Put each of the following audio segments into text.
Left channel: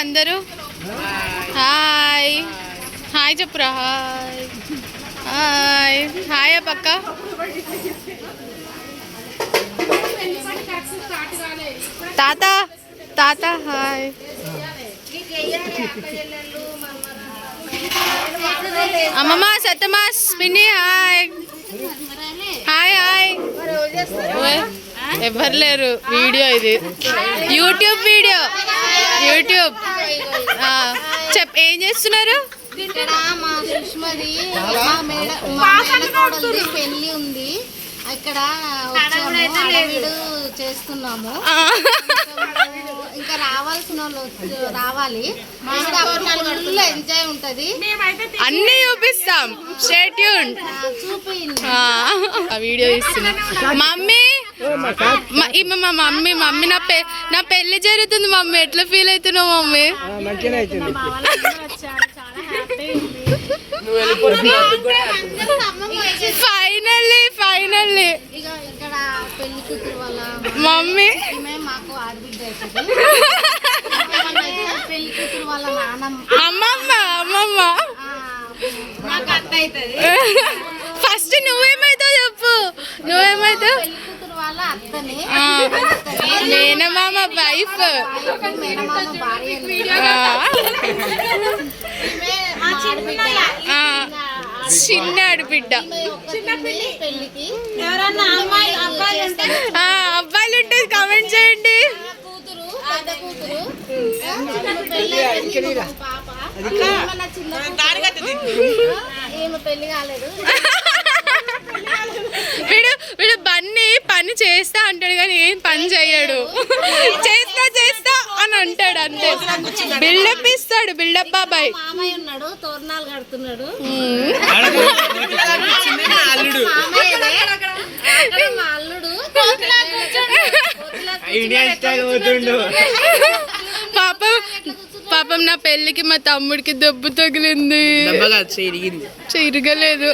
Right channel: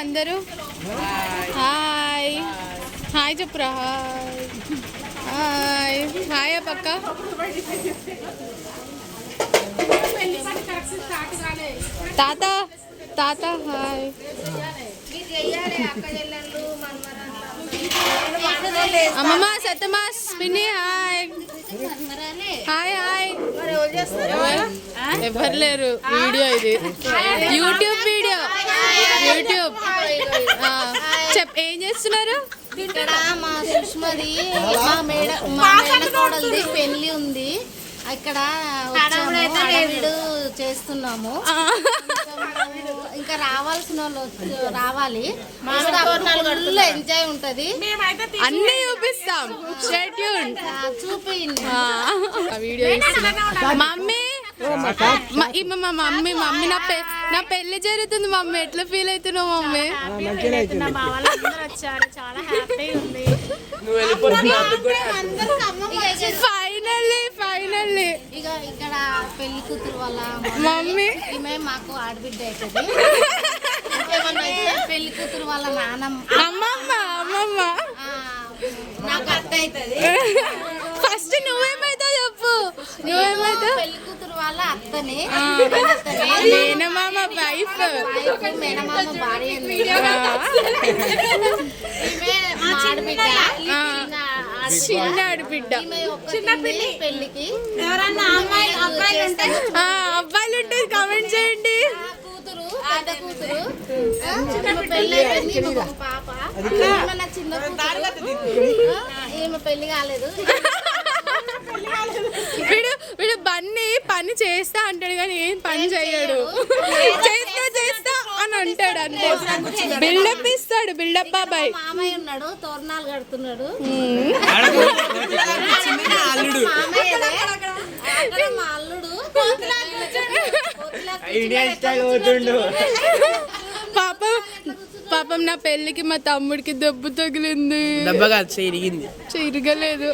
అందరూ hi hi చెప్పురా hi hi hi పక్క తాత తాత హాయ్ అమ్మమ్మ సత్తమాస్ పిన్ని హాయ్ హాయ్ హాయ్ ఎవరు లేరు వీడియో ఇది యూట్యూబ్ వీడియో యూట్యూబ్ ఏం చేస్తున్నారు ఇక్కడ మా సుష్మది మా మేనకోడలిది పెళ్లి ఉంది ఇక్కడ వచ్చాము అడవిడు చేస్తున్నాము ఇంకా రావాల్సిన వాళ్ళు రావాలి ఫుల్ ఎంజాయ్ ఉంటది అన్ని చూపిస్తాం స్టే ట్యూన్ చూపించండి వీడియో ఇస్తున్నా మమ్మీ మా మమ్మీ మమ్మీ నా పెళ్లి జరుగుతుంది మమ్మీ ఎట్లా ఫీల్ అవుతున్నావు మమ్మీ ఫైనల్లీ ఫైనల్లీ ఇక్కడ పెళ్లి కూతురు వాళ్ళ మమ్మీ మాకు ఆడబిడ్డ అవుతుంది పెళ్లి కూతురు వాళ్ళ నాన్నమ్మ అమ్మమ్మ అమ్మమ్మ నాకు అత్త అవుతుంది ఫస్ట్ నువ్వేమైతావు చెప్పు నువ్వేమైతావు పెళ్లి కూతురు వాళ్ళ అత్తనే మేనమామ వైఫ్ మేనమామ భార్య ఆడబిడ్డ చిన్న ఆడబిడ్డ పెళ్లికి అబ్బాయిలు ఉంటుంది కామెంట్ చేయండి కూతురు పెద్ద కూతురు పెళ్లి పాప నా చిన్న ఈమె పెళ్లి కాలేదు వీడు బన్నీ పని చేస్తా అంటాడు కానీ ఏం పని చేయడు చేస్తా చేస్తా అని అంటాడు అంతే బిల్డప్ ఇస్తాడు బిల్డప్ బాబాయ్ మామయ్య ఉన్నాడు తోరణాలు కడుతున్నాడు మా అల్లుడు పాపం నా పెళ్ళికి మా తమ్ముడికి దెబ్బ తగిలింది చిరగలేదు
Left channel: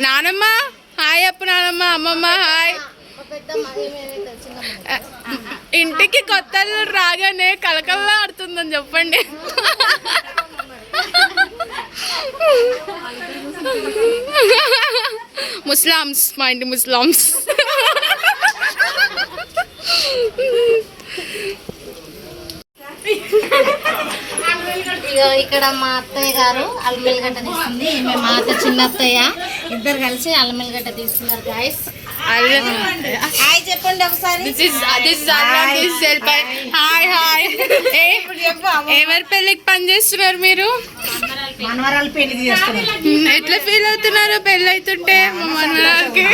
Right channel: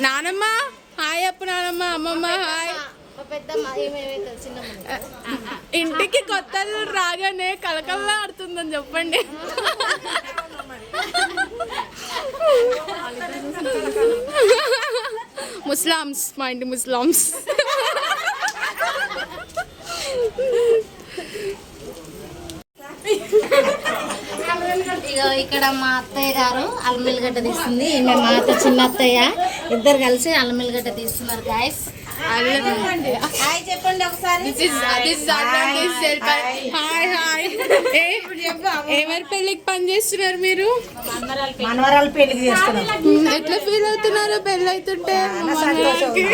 నానమ్మ హాయ్ అప్పు నానమ్మ అమ్మమ్మ హాయ్ ఇంటికి కొత్త రాగానే కలకల్లా ఆడుతుందని చెప్పండి ముస్లామ్స్ మా ఇంటి ముస్లామ్స్ ఇక్కడ మా అత్తయ్య గారు అల్లమెల్లిగడ్డ తీస్తుంది మా అత్త చిన్న అత్తయ్య ఇద్దరు కలిసి అల్లమెల్లిగడ్డ తీస్తున్నారు గాయస్ హాయ్ చెప్పండి ఒకసారి హాయ్ హాయ్ ఎవరి పెళ్ళికి పని చేస్తున్నారు మీరు మనవరాలు పెళ్లి చేస్తున్నారు ఎట్లా ఫీల్ అవుతున్నారు పెళ్ళి అవుతుంటే మనవరాలకి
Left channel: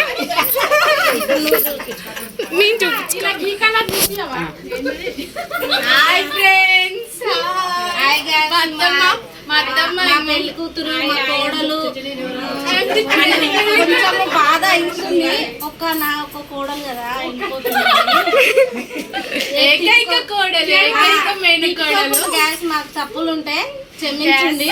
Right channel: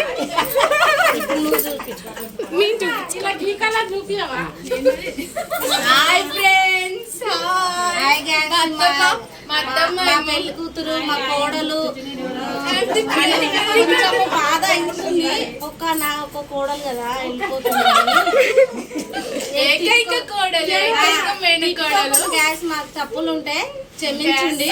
మేము చూపించుకోవాలి హాయ్ ఫ్రెండ్స్ మా అత్తమ్మ పెళ్లి కూతురు మా కోడలు బాధ అవుతుంది ఒక కోడలు కదా ఏకైక కోడలు ఏకైక మేని కోడలు గ్యాస్ మాకు తప్పులు ఉంటే క్షమించండి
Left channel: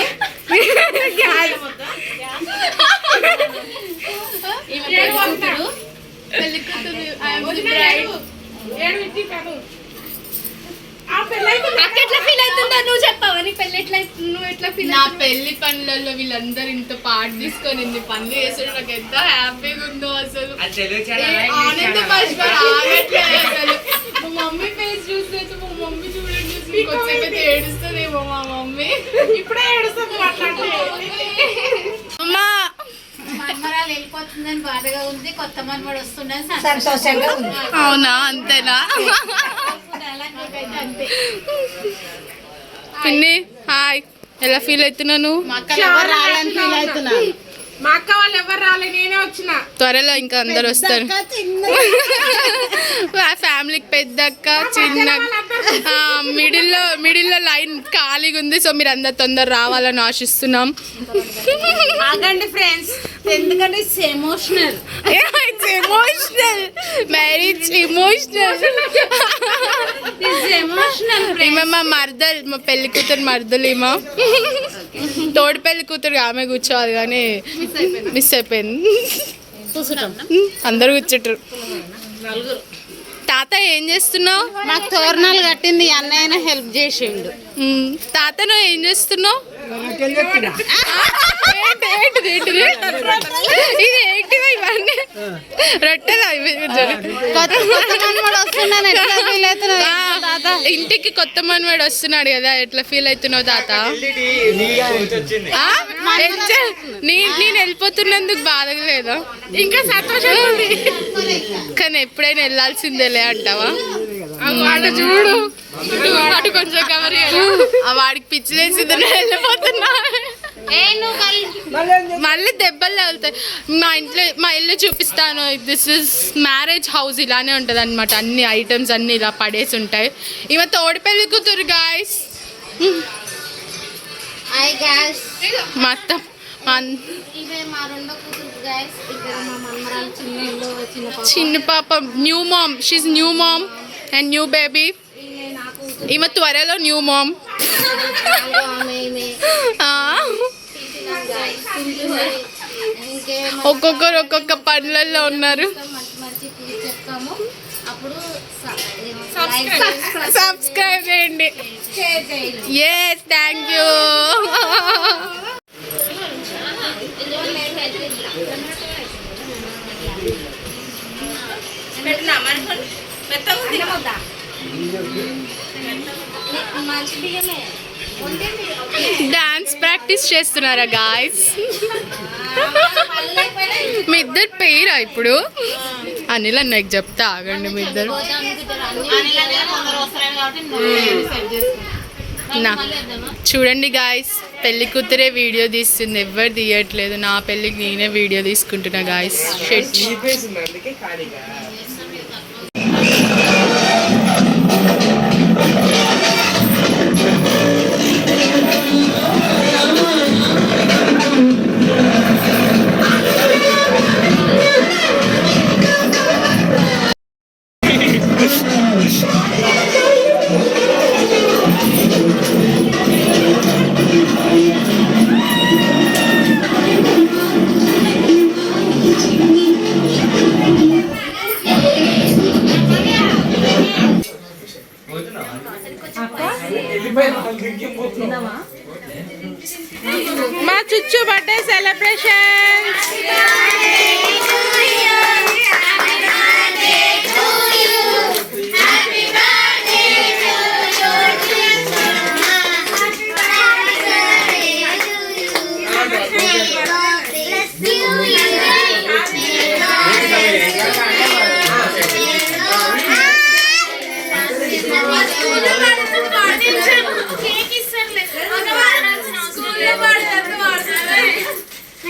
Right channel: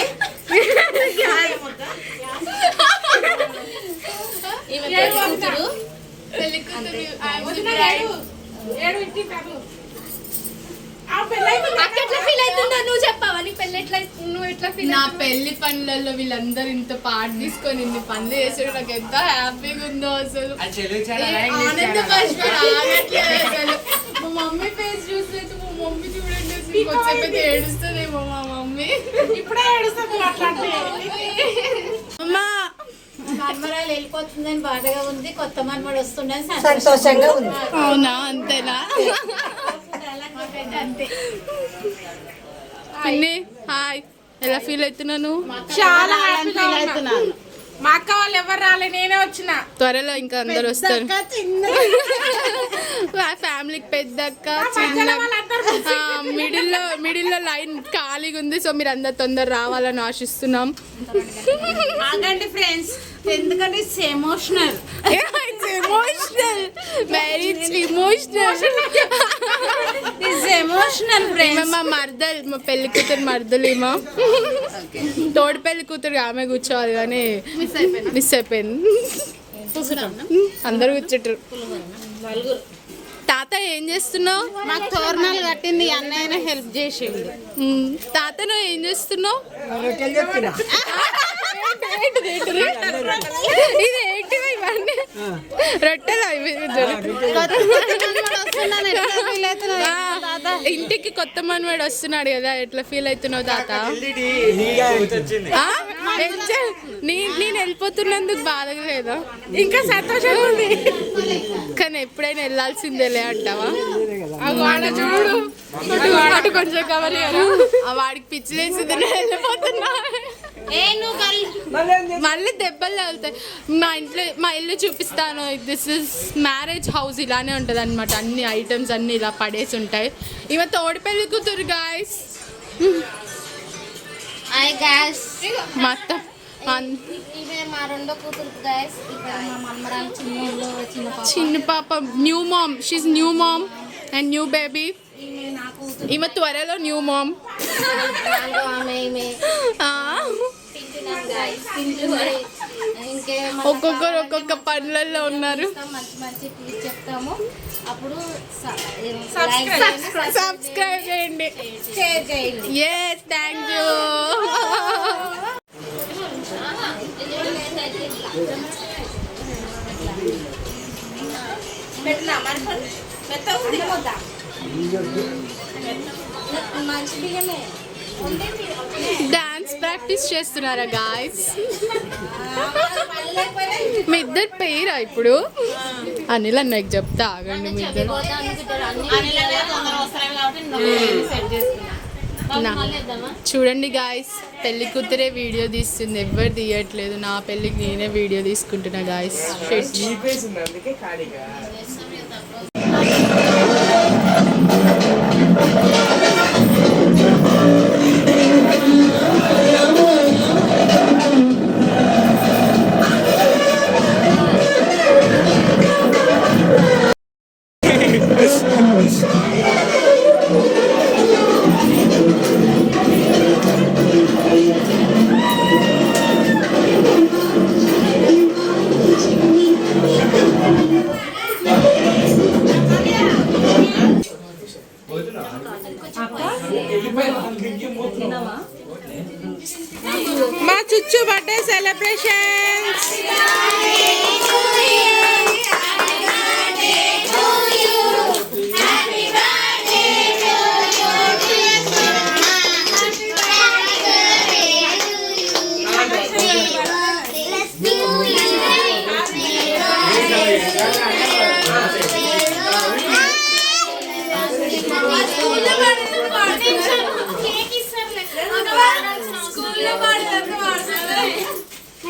పెళ్లి కూతురు నా పెళ్లి పనులలో వీళ్ళందరూ ఇంత పాటు తీసుకొని ఇన్ని పనులు చేసాడు నాకు ఎంత హ్యాపీగా ఉందో అసలు ఆనంద అసలు మా మమ్మీ ఫేస్ చూస్తే మా మమ్మీ చూడండి కొంచెం ఏడుస్తుందేమో మా మమ్మీ ఇప్పుడే ఏడుస్తుంది అమ్మా మన్మరాలు వెళ్ళిపోతుందని బాధగా ఉంది కొత్త మన్మడు వస్తుందని సంతోషంగా ఉంది అవునా అంతేనా పిన్ని హాయ్ ఎలా ఫీల్ అవుతున్నాను చాలా ఫీల్ అవుతున్నా మా అక్క వాళ్ళు ఎవరు రాలే నేనే వచ్చిన త్వరలో ఇంకా అందరు వస్తారు ఫ్యామిలీకి పెద్దక్క చిన్న మిడిల్లో లైన్ ఖాళీగా ఉంది సో మీరు అందరు తొందర రావాలని ఆశిస్తున్నాం ఆగండి ఫ్రెండ్స్ ఎందుకంటే ఇట్స్ ఎమోషనల్ మ్యారేజ్ ఇమోషనల్ ఈమె మా మర్దలు మా పెళ్లి కూతురు మర్దలు ఈమె తోడు పెళ్లి కూతురు ఆమె కూర్చోవాలి కానీ మిస్ అయిపోయింది అందరు కూర్చుంటారు తాత ఏం చేస్తున్నావు? నాకు తోరణాలు కట్టింది అన్నయ్య హెల్ప్ చేసిండు. తాత నువ్వు ఏం చేస్తున్నావు? ఇది ఏంటిది ఇవన్నీ? రొట్టెలా ఇంటికి కొత్త మనవాడు వస్తున్నాడు కదా, ఎట్లా ఫీల్ అవుతున్నావు తాత? నేను వెళ్ళిపోతున్నందుకు బాధగా లేదా? ఇంకా సంతోషం ఉంది, కానీ ఎప్పుడైనా వెళ్ళాల్సిందేలే అంటావా? చూడు కొంచెం కవర్ వాడికి పిచ్చిలేసింది, వెళ్ళిపోతున్నా. మళ్ళీ దెబ్బలు తగులుతాయి. మా ఇల్లు చూపిస్తాను. దిస్ ఇస్ మ్యారేజ్ హౌస్, ఇలానే ఉంటుంది అనమాట. అన్ని ఐటమ్స్ అన్ని ఇలా పడేసి ఉంటాయి. ఇవ తోడి పెళ్లి కూతురు గాయస్. మొత్తం చిన్న పాప, new mom. She's new mom and new baby. ఈమె త్వరలో న్యూ మామ్. ఒక్కొక్కరు ఒక్కొక్క పనులలో ఉన్నారు. సబ్స్క్రైబ్ చేయండి. Yes, thank you. Dance practice చేస్తున్నారా గాయస్? మీ ఇద్దరు పేరా ఇప్పుడు? అనిల్ అన్నకి చెప్తా, ఆగండి. మీ ఇద్దరు చూడండి గాయస్, పెళ్లి కూతురే వీడియో తీస్తుంది, ఎవరు తీయట్లేదు. నా పెళ్ళికి నేనే వీడియో తీసుకుంటున్నా గాయస్. షెట్. మా చుచ్చు birthday celebrations.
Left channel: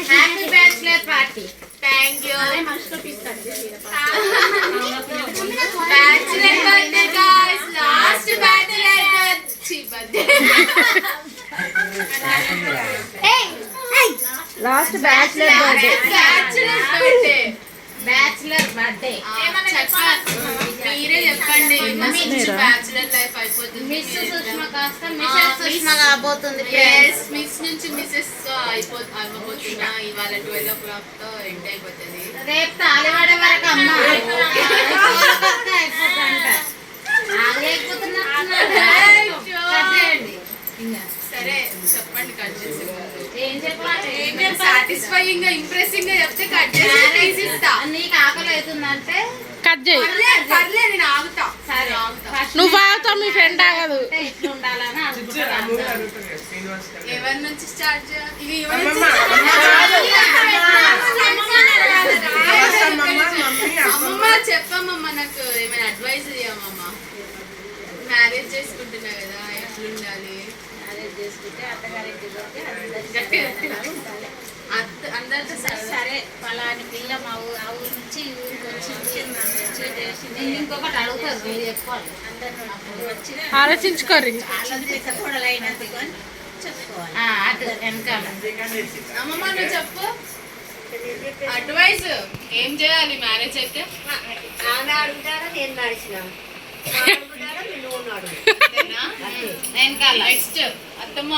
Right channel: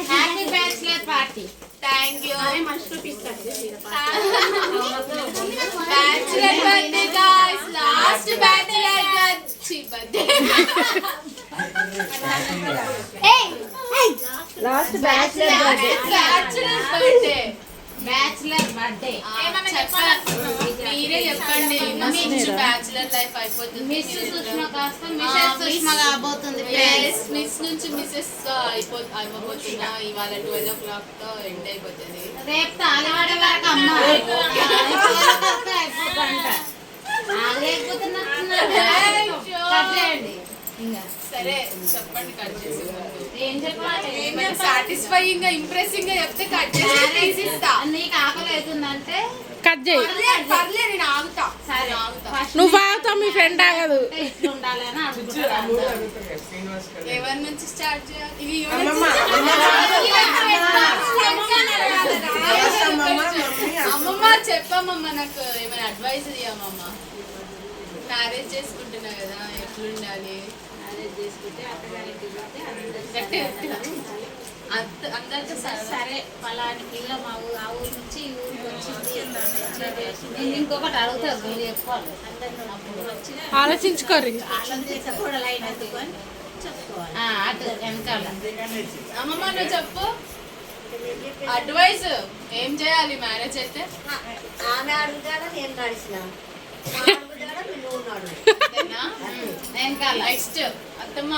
Happy bachelor party. Thank you. Bachelor birthday guys, last bachelor birthday. Last bachelor birthday. Bachelor birthday మీరే చెప్పండి. బ్యాచిలర్ లైఫ్ అయిపోతుంది. మిస్ సుష్మా కాస్త మిసెస్ సుష్మా కాబోతుంది. మిస్ నుంచి మిసెస్ అవ్వబోతున్నా. ఇవాళ 12 o'clock తో ఎండ్ అయిపోతుంది. రేపు తాలివాడ వరకు అమ్మ అయిపోతుందంట. సరే చెప్పండి, కట్ చేసి. ఏం చెప్పాలి? సాటిస్ఫైయింగ్ గా ఇంప్రెసింగ్ గా చెప్తే కట్ చేసి ఇస్తా. నీకు ఆకలి అవుతుందంటే కట్ చేయి. పర్లేదు, నేను ఆగుతా. సరే, నువ్వు ఆగుతావు, మీ ఫ్రెండ్ ఆగదు. ఇట్లా ఉండాలని అనుకుంటున్నాను. ఎవరి నుంచి స్టార్ట్ చేయాలి? అమ్మమ్మ చెప్పమ్మమ్మ, నాకు ఏమైనా అడ్వైస్ ఇవ్వమ్మమ్మ. మ్యారేజ్ చేసుకుంటున్నా కదా, ఎట్లుండాలి? మ్యారేజ్ చేసుకుంటే అత్తగారింటికి అందరితో సరే పలాని పిల్ల మా ఆ ఊరు నుంచి ఈ ఊరికి వచ్చి నేను ఇంకొకటి అడుగుతాను, మీరు చెప్పాలి. అందరు వచ్చిన ఆలోచించుకోరు. కూడా అయినందుకు అని చెప్పుకోవాలి. అటు వెనకాల అమ్మమ్మ నువ్వు చెప్పు అడ్వైస్. ఏం చేయాలి మ్యారేజ్ అయితే? ఆమె అడుగుతారా, నేను నడిచిన వెనకాల నెక్స్ట్ అత్తమ్మ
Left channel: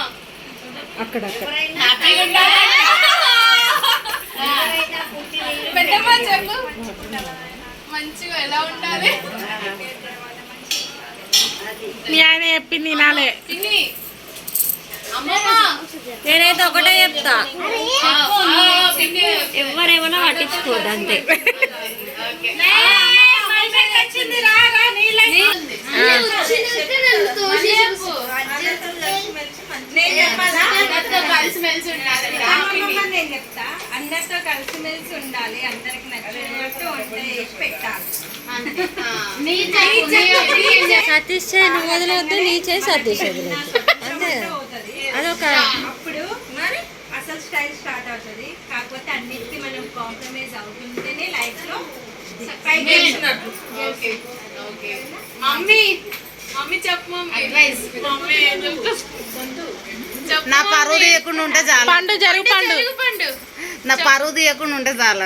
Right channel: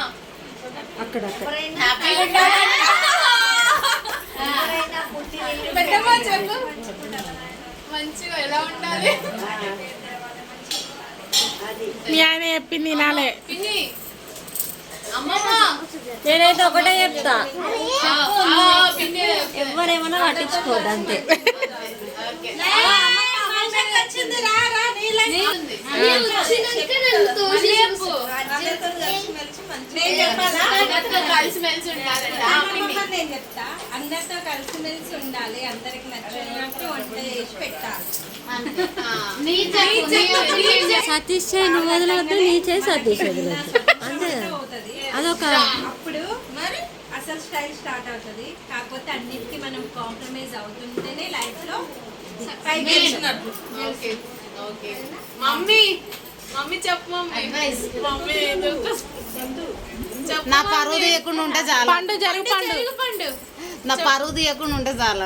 హ్యాపీగా పెద్దమ్మ చెప్పు. మంచిగా ఎలా ఉండాలి మీ ఆయన చెప్పింది వినాలే. పిన్ని అమ్మమ్మ నేనైతే ఒకటే చెప్తా, పిన్ని ఎవరేమన్నా పట్టించుకోదు అంతే. కలిసిమెలిసి ఉండాలి. నేను చెప్తా, అందరితో కలిసిమెలిసి ఉండాలి, అందరికి నచ్చినట్టు వంట చేసి పెట్టాలి. సతీష్ చేయి నువ్వు వదలవద్దు, నీ చేయి సతీష్ వదలవద్దు. అంతే అదొక అప్పుడు మరి అసలు స్టైల్ స్టార్ట్ అవుతుంది. కాకపోతే అన్నిటికీ మనం కాంప్రమైజ్ అవుతుంటేనే లైఫ్ లో పైకి వెళ్ళినట్టు. ఓకే ఓకే మమ్మీ మమ్మీ చెప్పు మమ్మీ ఏం చెప్తావు? నా పరువు తీయకుండా ఉంటే చాలు. పండు జరుగు పండు. పండు నా పరువు తీయకుండా ఉంటే చాలు.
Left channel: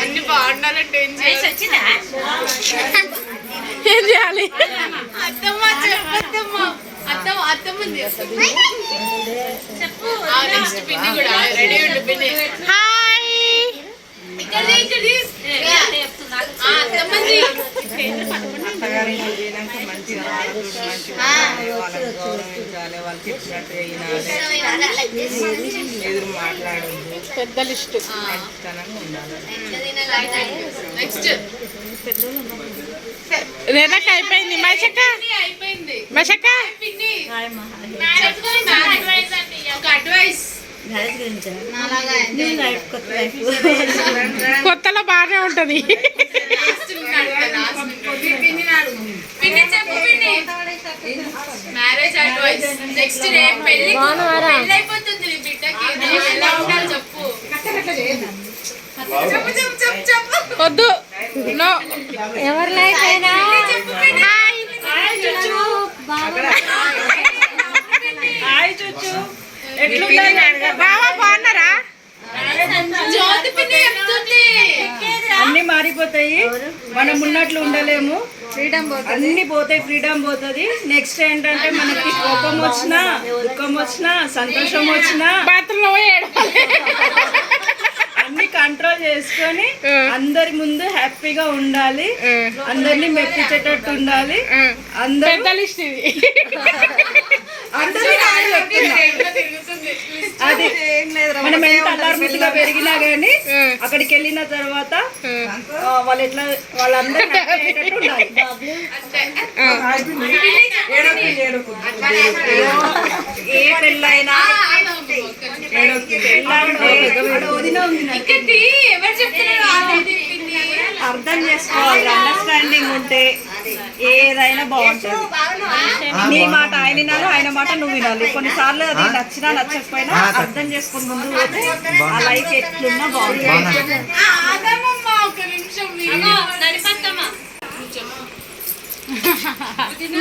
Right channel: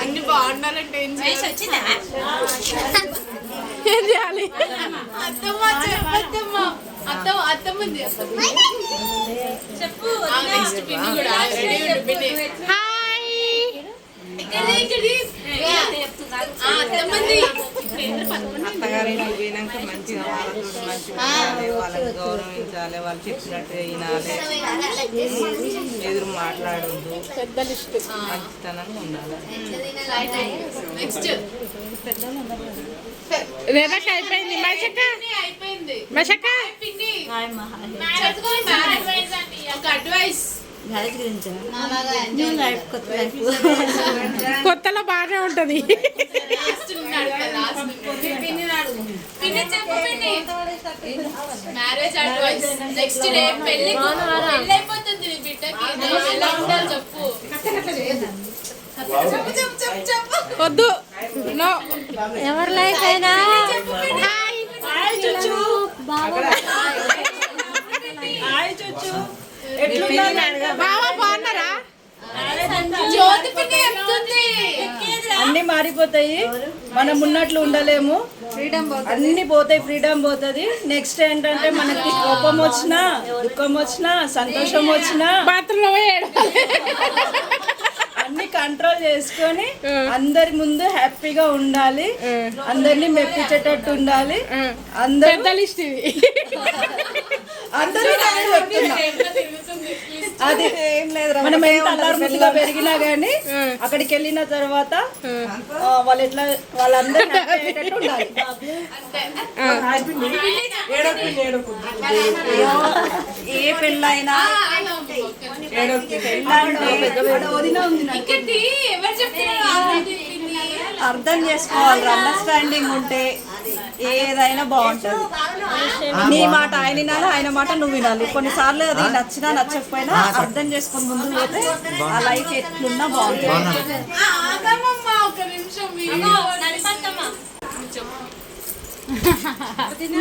అన్ని బాగుండాలంటే ఏం చేయాలి? ఏం చేయాలి? అత్తమ్మ చెప్పొద్దమ్మ. అత్తమ్మ అత్తమ్మంది చెప్పు. నెక్స్ట్ పిన్ని కూడా రెడీ ఉండు పిన్ని. హాయ్. ఇక్కడి అత్తమ్మంది పోయినాక మంచిగా వాళ్ళని గౌరవించాలి, వాళ్ళు చెప్పినట్టు వినాలి, ఎదురు మాట్లాడద్దు, పెద్ద లిస్టు. మంచితనంగా ఉండాలి. నెక్స్ట్ రేనక్క అయిపోయింది. మషక్క అయిపోయింది. మషక్క పిన్ని ఒక అడ్వైస్ కొత్తలో బాగానే ఉంటది. పిన్ని చెప్పు పిన్ని మ్యారేజ్ అడ్వైస్. నెక్స్ట్ రేపు పెళ్లి అయిపోతుంది నీ బిడ్డకి, ఎలా ఉండాలి చెప్పు. చెప్పు చెప్పు చెప్పు చెప్పు. వద్దు. నో. ఎవరి లైఫ్ అయినా బావా బాగున్నారా? జ్యోతి పిన్ని చెప్తుంది. అన్ని మారిపోతాయి, మనం ఉన్నట్లు ఉండలేము, అన్ని పోతాయి, ఫ్రీడమ్ పోతుంది. నెక్స్ట్ ఏంటంటే మనకి కోపం వచ్చినా, దుఃఖం వచ్చినా, సంతోషం వచ్చినా బాత్రూంలో పోయాడు. అన్ని కంట్రోల్ చేసుకొని అందరి ముందు హ్యాపీగా ఉండాలి, అందరినీ మెప్పించేటట్టు ఉండాలి. అందరూ పెద్ద లిస్ట్ ఇది. అందరినీ నేను చెప్తున్నా. అది మనం ఎంత అల్లారుముద్దుగా పెరిగినా గానీ అక్కడికి వెళ్ళిన తర్వాత వాళ్ళు ఎట్లా వాళ్ళందరూ happy అయ్యేటట్టు ఉండాలి. ఏ పెళ్ళైనా వదిన ఉంది నాకు. ఎవరు చెప్తున్నారు? అర్థం చేసుకోవాలి, అండర్స్టాండింగ్ ఉంటే ఏదైనా బాగుంటుంది. నీ మాట ఆయన వినాలి, ఆయన మాట నువ్వు వినాలి. కొన్నిసార్లు అది నచ్చినా నచ్చకపోయినా అర్థం చేసుకొని ముందు పోతే ఆ లైఫ్ ఎట్లున్నా బాగుంటుంది. ఆగమ్మమ్మ ఒక నిమిషం.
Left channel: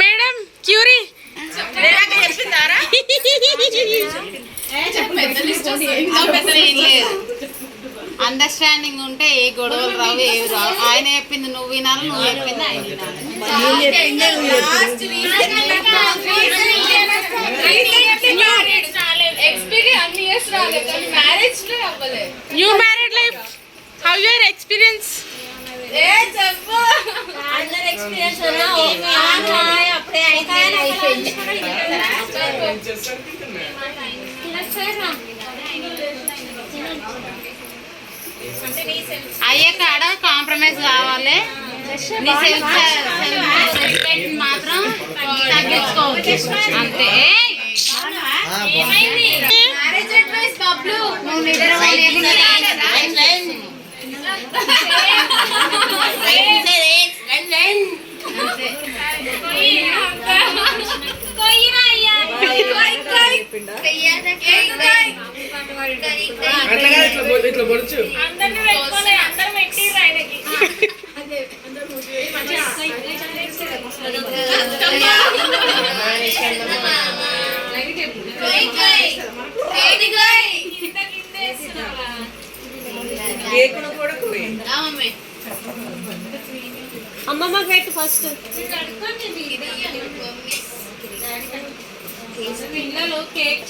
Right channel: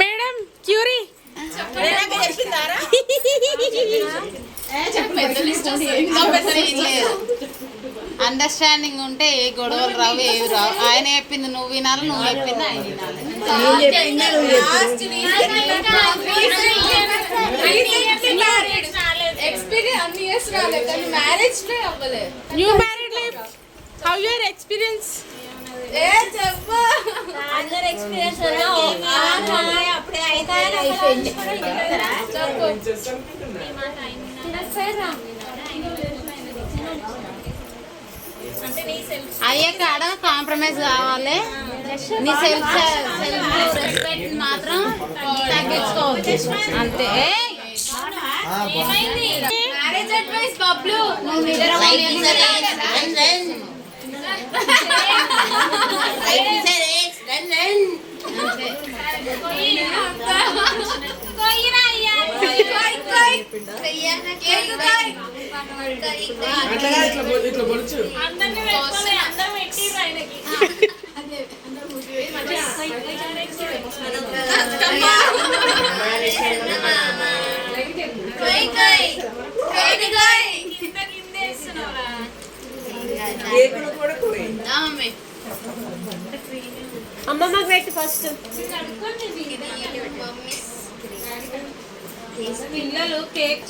మేడం క్యూరీ అండర్స్టాండింగ్ ఉంటే ఏ గొడవలు రావు, ఏవి రావు. ఆయన చెప్పింది నువ్వు వినాలి, నువ్వు చెప్పింది ఆయన వినాలి. ఎక్స్పీరియన్స్ రాలేదు, మ్యారేజ్ అవ్వలేదు. You married life how your experience? ఏ చెప్పు. అందరు ఎక్స్పీరియన్స్ అప్పుడే అయిపోయింది. అయ్యే కాడ కాంప్రమైజ్ కావాలి. నీ సెల్ఫ్ రెస్పెక్ట్ మాత్రం తగ్గించుకోవచ్చు అంతే. Marriage advice Bablu. నువ్వు నిద్ర అమ్మమ్మ పెట్టి ఫస్ట్ పిల్లలు కేక్